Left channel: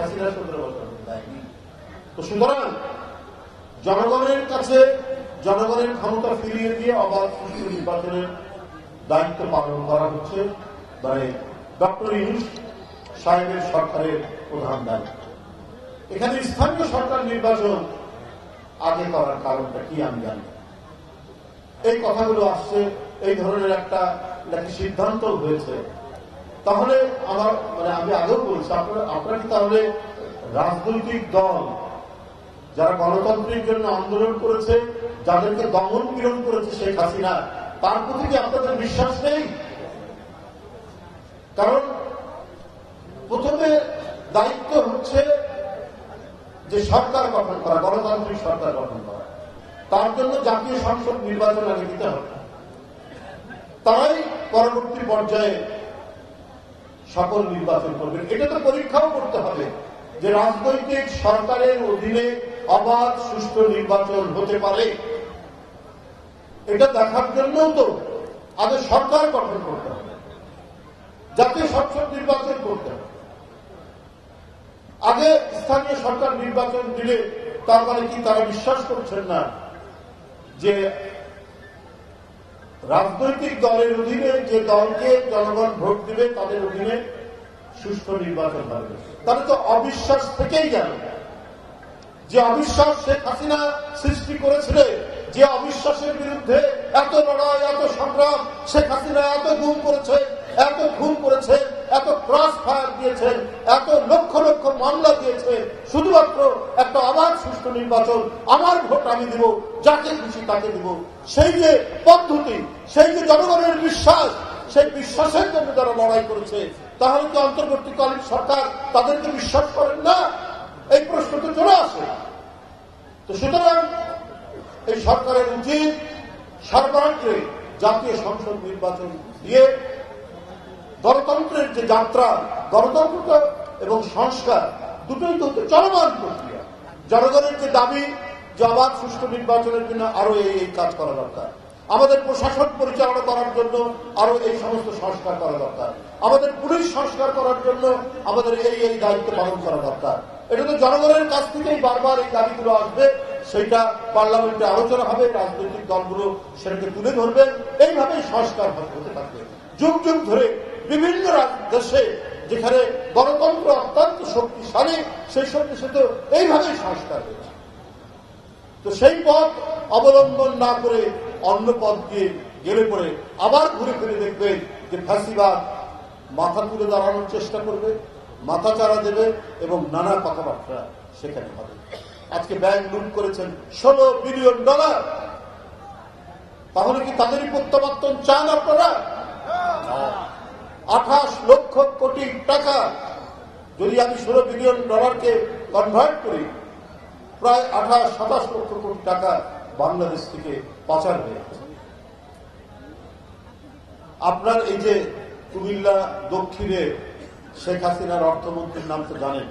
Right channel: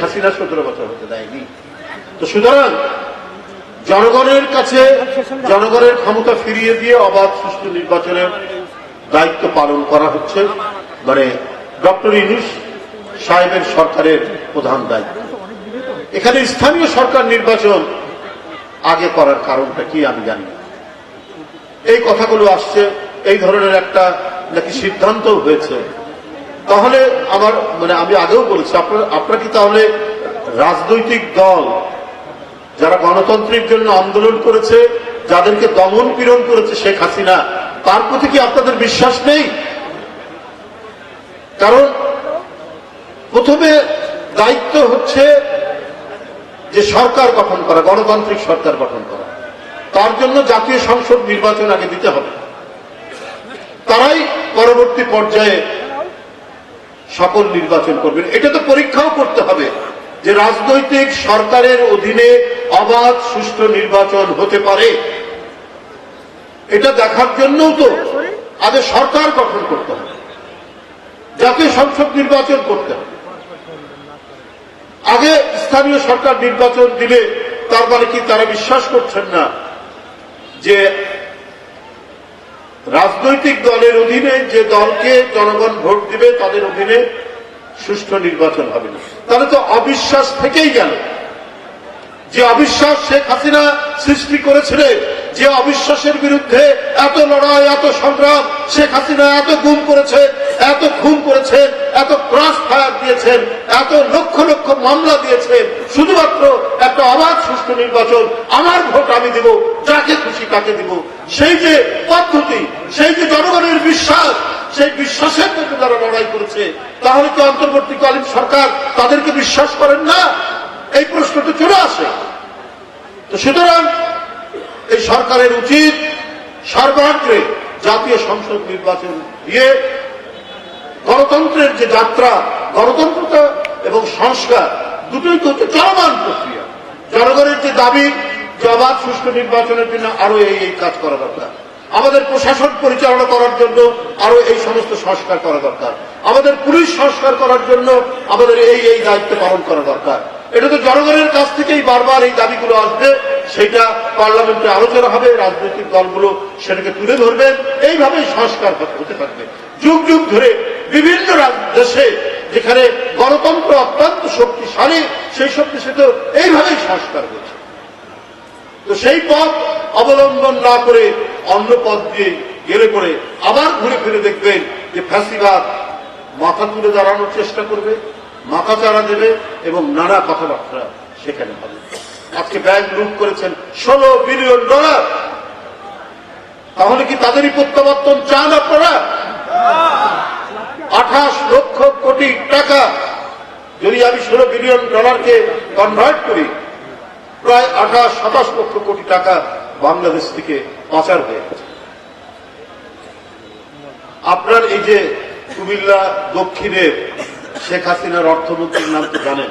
হাসিনা সতেরো বছর হতে দেয়নি। তো সুতরাং জনগণের কাছে জনগণের ক্ষমতা ফিরিয়ে দিয়ে অবাধ সুষ্ঠু নির্বাচনের দায়িত্ব পালন করা হচ্ছে। মানে ডক্টর ইনুস সাহেবের সরকারের প্রধান দায়িত্ব। এখানে স্থানীয় সরকার নির্বাচন আগে করার কারণটা কি আমি জানি এই কথাগুলো আসছে, এই ধরনের একটা নাকি সিদ্ধান্ত হয়েছে। তাহলে আমার মানে আমি আগেও বলেছি, আপনার, আপনারা কি তাহলে রাজনৈতিক দল যারা গণতন্ত্রের জন্য আন্দোলন করেছে, যাদেরকে দমন পীড়ন করেছে শেখ হাসিনা, তার প্রতি কি আপনাদের বিশ্বাস নেই? কারণ প্রথমে দায়িত্ব হচ্ছে যে সরকার গঠন করা, গণতান্ত্রিক সরকার গঠন করা। তার জন্য জাতীয় সংসদ নির্বাচন আগে দিতে হবে। তারাই পরবর্তী পর্যায়ে সকল নির্বাচন করবেন। এটা তো পরীক্ষাও করতে হবে যে রাজনৈতিক সরকারের অধীনে অবাধ, সুষ্ঠু নির্বাচন হতে পারে। এটা দেখার জন্যও তো আগে সরকার গঠন করতে হবে। জাতীয় সংসদ নির্বাচন করতে হবে। আগে স্থানীয় সরকার নির্বাচন দিলে তার মানে কি তারা বিশ্বাস করছেন না যে রাজনৈতিক দলের অধীনে যে দলকে জনগণ ভোট দিবে, তাদের অধীনে সুষ্ঠু নির্বাচন হবে। তাহলে তো অবিশ্বাস থেকেই গেল। যে অবিশ্বাস শেখ হাসিনা সৃষ্টি করেছিলেন যে অবিশ্বাসের বিরুদ্ধে এত লড়াই, এত সংগ্রাম শেখ হাসিনা এত গুম করেছেন এত খুন করেছেন এত ক্রস ফায়ার দিয়েছেন এত লক্ষ লক্ষ মামলা দিয়েছেন শুধুমাত্র একটা অবাধ সুষ্ঠু নির্বাচন, আমার ভোট আমি দিব, যাকে খুশি তাকে দিব। সেই যে পদ্ধতি সেই যে জনগণের বিশ্বাস, সেই বিশ্বাসের মধ্যে তারা লড়াই করেছে, তাহলে কি অন্তর্বর্তীকালীন সরকার তাদেরকে বিশ্বাস করেন না? এই প্রশ্নটা চলে আসে। তো সুতরাং এই সরকারের উচিত সর্বাগ্রে জাতীয় সংসদ নির্বাচন দিয়ে গণতন্ত্রের যে যাত্রা গণতন্ত্রটা এবং সংস্কার দুটোই তো হচ্ছে চলমান প্রক্রিয়া। জনগণের যে দাবি যে অবাধ সুষ্ঠু নির্বাচনের জন্য আরও এই কাজ করা দরকার। আমাদের প্রশাসন পরিচালনা করার জন্য আরও এই সমস্ত সংস্কার করা দরকার। আমাদের পুলিশ সংস্কার করার জন্য আমাদের এই এই দায়িত্ব পালন করা দরকার। এটা তো জনগণের কাছ থেকেই বারবার এই দাবিগুলো আসবে, সেটা পার্লামেন্টে আলোচনা হবে, রাজনৈতিক দলগুলো সেটাকে তুলে ধরবেন এইভাবেই সংস্কার হতে থাকবে। যুগ যুগ ধরে বিভিন্ন দেশে যেখানে গণতন্ত্র অত্যন্ত শক্তিশালী, সেই সব দেশে তো এইভাবেই সংস্কার হয়েছে তো সেই পথ অবলম্বন না করে অন্য পথ দিয়ে গেলে পরে আবার ঘুরে ফিরে দেখবেন যে ফ্যাসিবাদ মাথা তুলে দাঁড়ানোর চেষ্টা করবে, মাথা চারা দেবে এবং নানা কথাবার্তা সেখানে হবে। আজকে ব্যাংক লুট করেছেন ষোলো বিলিয়ন ডলার। তাহলে কি তাদেরই প্রত্যাবর্তন চান আপনারা? আঠাশ লক্ষ কোটি টাকা যদি আমি ষোলো বিলিয়ন ডলারকে কনভার্ট করি, প্রায় আঠাশ, সাতাশ লক্ষ কোটি টাকা বাংলাদেশ থেকে পাচার হয়ে গেছে। আপনার এই যে কুমিল্লা দক্ষিণের শেখ হাসিনার অর্থমন্ত্রীর নাম তো জানেন?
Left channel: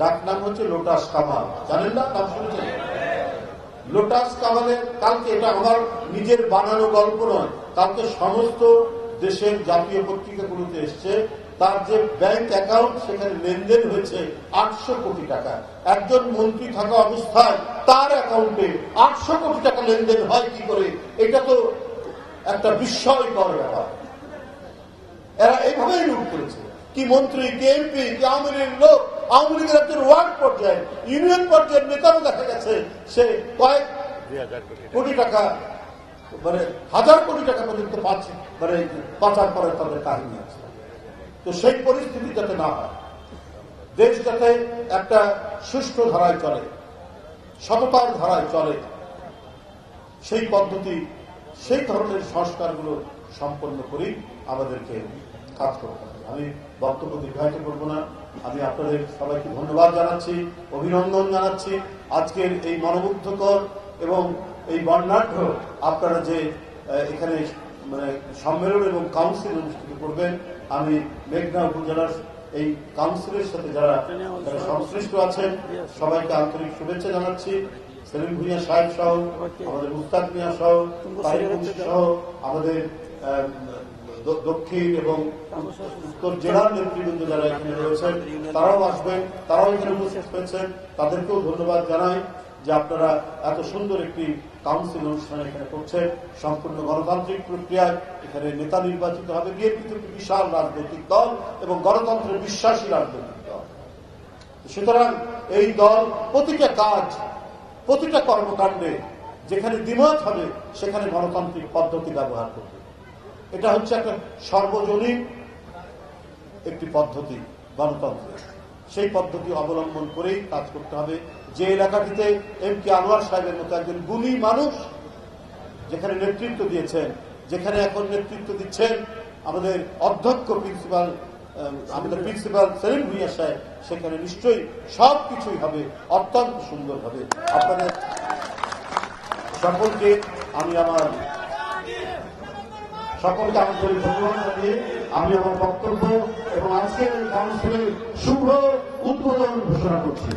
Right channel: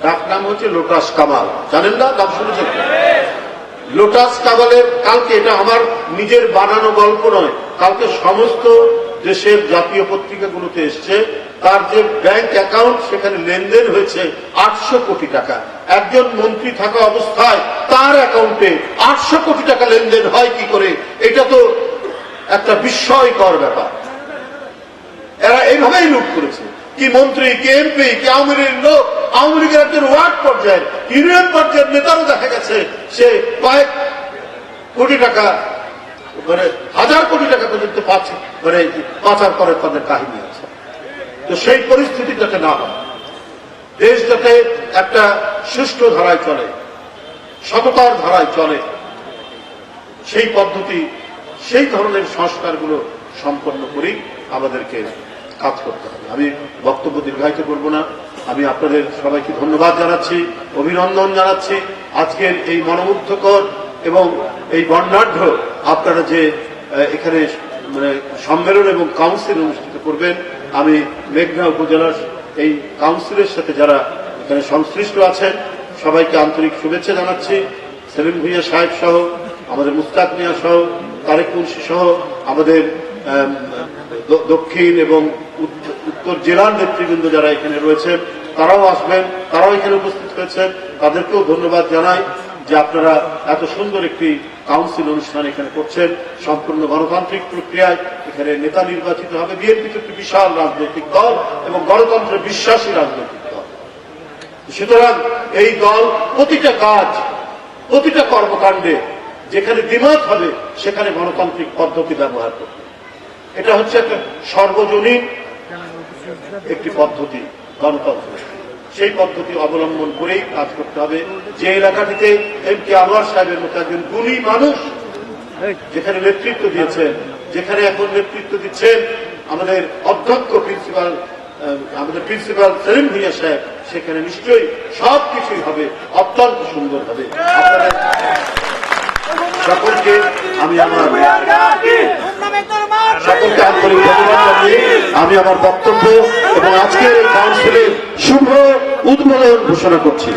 ডাক নাম হচ্ছে লোটাস কামাল। জানেন না? নাম শুনেছেন? লোটাস কামালের কালকে, এটা আমার নিজের বানানো গল্প নয়, কালকে সমস্ত দেশের জাতীয় পত্রিকাগুলোতে এসছে। তার যে ব্যাংক অ্যাকাউন্ট সেখানে লেনদেন হয়েছে আটশো কোটি টাকা। একজন মন্ত্রী থাকা অবস্থায় তার অ্যাকাউন্টে আটশো কোটি টাকা লেনদেন হয় কি করে? এটা তো একটা বিস্ময়কর ব্যাপার। এরা এইভাবেই লুট করেছে। কি মন্ত্রী, কি এমপি কি আওয়ামী লীগের লোক? আওয়ামী লীগের একজন ওয়ার্ড পর্যায়ে ইউনিয়ন পর্যায়ের নেতারও দেখা গেছে। সে কয়েক কোটি টাকা মানে হাজার কোটি টাকা পর্যন্ত পাচ্ছে। মানে পাচার করে তাদের কাহিনী আছে। তো সেই পরিস্থিতি যাতে না হয়, দেশ যাতে একটা সুষ্ঠু ধারায় চলে সমতার ধারায় চলে, সেই পদ্ধতি, সেই ধরনের সংস্কারগুলো সম্পন্ন করেই আমাদেরকে কাজ করতে হবে। আমি বক্তব্য দীর্ঘায়িত করব না। আমি আপনাদের সবাইকে ধন্যবাদ জানাচ্ছি, অভিনন্দন জানাচ্ছি। আজকের এই মনোমুগ্ধকর এবং এই বর্ণাঢ্য আপনারা যে এখানে মানে সম্মেলন এবং কাউন্সিল অনুষ্ঠিত করবেন আমি মেঘনা উপজেলার এই কাউন্সিলের সাথে যারা এখানে সংশ্লিষ্ট আছেন, সবাইকে আন্তরিক শুভেচ্ছা জানাচ্ছি। সেলিম ভুইয়া সাহেব সহ, আমাদের মুস্তাক মিয়া সহ, তারেক মুন্সি সহ, আমাদের দক্ষিণ এবং উত্তর জেলার নেতৃবৃন্দ যারা এখানে রয়েছেন, তারাও আসবেন, তারাও এখানে উপস্থিত হয়েছেন। তাদেরকেও ধন্যবাদ জানাই। যে আপনারা এত সুন্দর একটি কাউন্সিল অনুষ্ঠান এখানে করছেন, সম্পূর্ণ গণতান্ত্রিক প্রক্রিয়ায় এখানে নেতা নির্বাচিত হবে, বিএনপি একটি বিশাল রাজনৈতিক দল এবং গণতন্ত্রে বিশ্বাসী রাজনৈতিক দল। সুতরাং এই দল প্রতিটা কাজ, প্রতিটা কর্মকাণ্ডে যেখানে দ্বিমত হবে, সেখানে গণতান্ত্রিক পদ্ধতি ব্যবহার করবে। এটা হচ্ছে একটা সর্বজনীন একটি পদ্ধতি, গণতন্ত্র। সেই পদ্ধতি অবলম্বন করেই কাজ করতে হবে। যে এলাকাটিতে এম কে আনোয়ার সাহেবের মতো একজন গুণী মানুষ যেখানে নেতৃত্ব দিয়েছেন যেখানে এখন নেতৃত্ব দিচ্ছেন আমাদের অধ্যক্ষ প্রিন্সিপাল আমাদের প্রিন্সিপাল সেলিম ভুইয়া সাহেব সেখানে নিশ্চয়ই সব কিছুই হবে অত্যন্ত সুন্দর হবে। আপনাদের সকলকে আমি আমার সকলকে আন্তরিক ধন্যবাদ জানিয়ে আমি আমার বক্তব্য এবং আজকের এই কাউন্সিলের শুভ উদ্বোধন ঘোষণা করছি।